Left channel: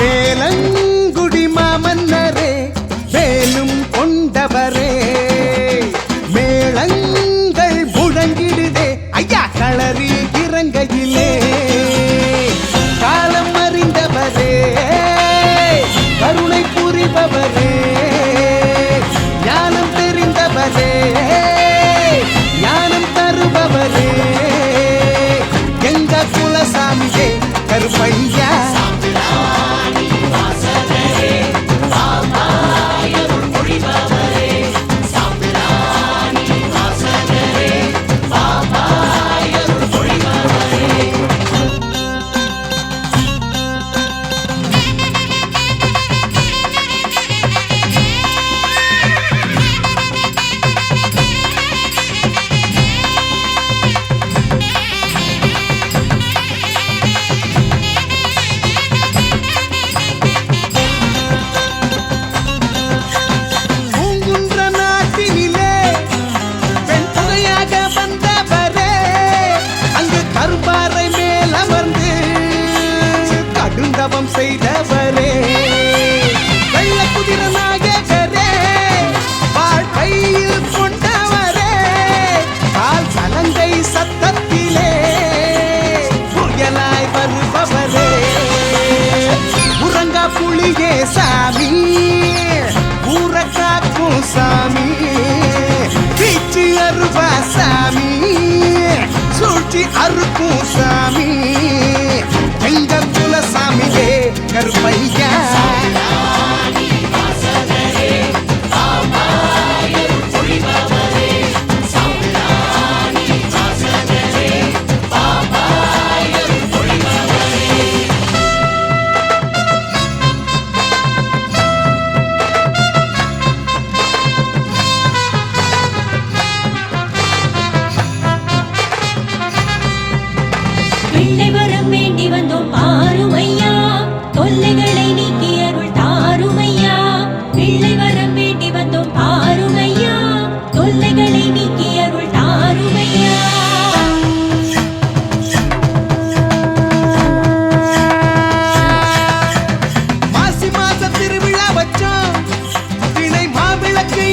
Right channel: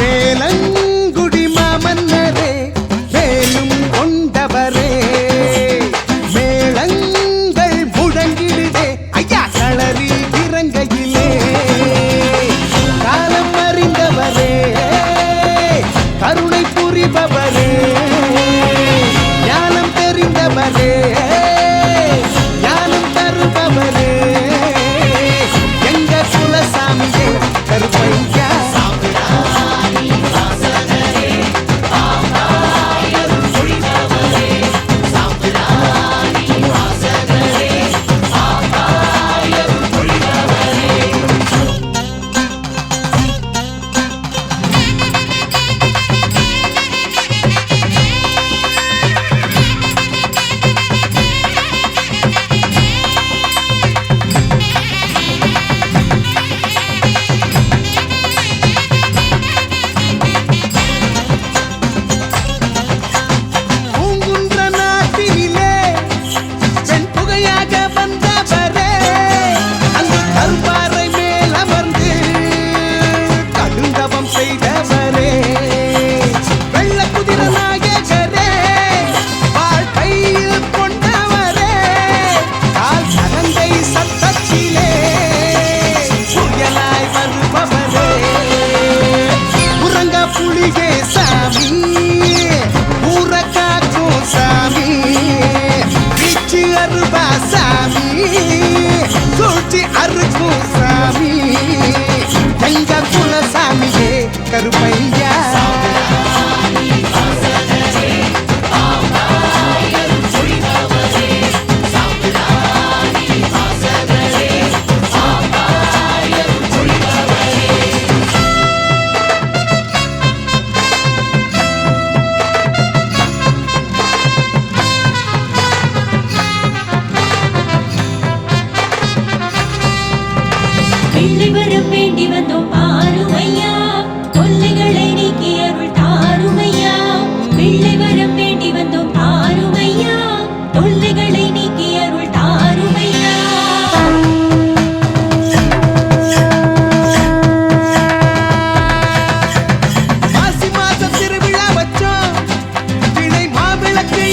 வேலங்குடி மாமன்னரே வேலும் கொண்டவரே மேளங்கள் முழங்கிடுதே ஐயா களரி இறங்கையிலே காலம் அறிந்தவரே கருணை புரிபவரே ஞானம் தெரிந்தவரே ஞானம் தருபவரே எங்க குலசாமியே கருப்பையா வந்தவரே அங்கு கரும்பாறை மேல் அமர்ந்து கடுந்தவம் செய்தவரே வெள்ள குதிர நாயகரே வாழ்க்கையில் கொண்டவரே கால் சலங்கை சத்தத்திலே புயலாய் வருபவரே உறங்கா புலிகே சாமி ஊரகாக்கும் சாமி வீச்சு அருவா சாமி சூழ்ச்சி அருக்கும் சாமி எங்க குலசாமியே கருப்பையா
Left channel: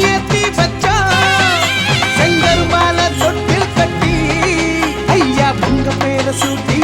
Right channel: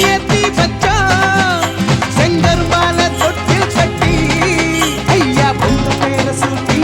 ஏத்தி வச்சோம் செங்கரும்பால தொட்டில் கட்டி ஐயா பொங்க மேல சூட்டி